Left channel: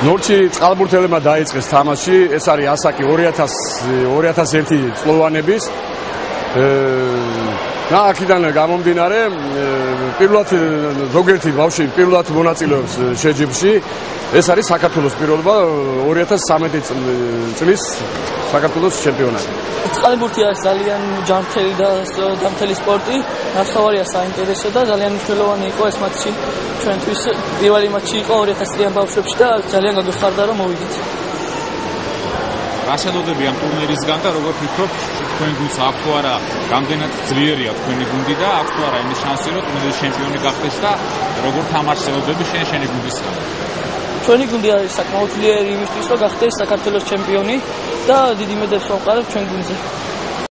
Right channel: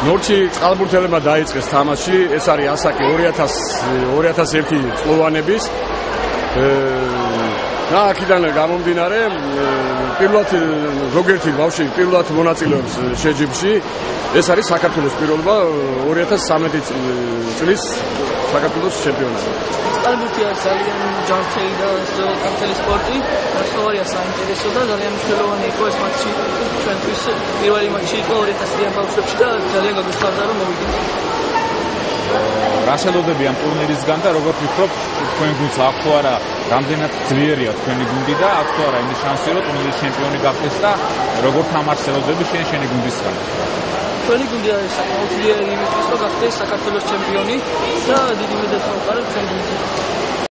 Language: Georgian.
ნორჩი წყალბურთელებმა დაიწყეს თამაში, ეს არის ასაკი 2001 წლოვანების. და აქედან გამომდინარე, პირველად ზოგიერთი ბავშვი პირველად მონაწილეობს შეჯიბრში. ეს არის საქართველოს პირველობა 2013 წლის საქართველოს ჩემპიონატი. წყალბურთი არის ძალიან ჯანმრთელი და გართელი სპორტი. ნახევარია საინტერესო და ძალიან მნიშვნელოვანი იყო ეს მატჩი ჩვენთვის. პირველი მატჩი იყო 2000-იან ბავშვებში და ძალიან გაგეხარდა რომ მოვიდეთ. რას ელოდები ამ ტურნირისგან და როგორ ფიქრობ, თქვენ გუნდს აქვს თუ არა რამდენად ძლიერია თქვენი გუნდი და აქვს თუ არა იმის შანსი რომ ტურნირის ჩემპიონი გახდეს და როგორ თამაშს ელოდები შენი გუნდისგან? ჩვენი გუნდი არის საკმაოდ ძლიერი იმისთვის რომ გახდეს საქართველოს ჩემპიონი და დიდი მადლობა ვუყარებ ჩვენ გუნდზე.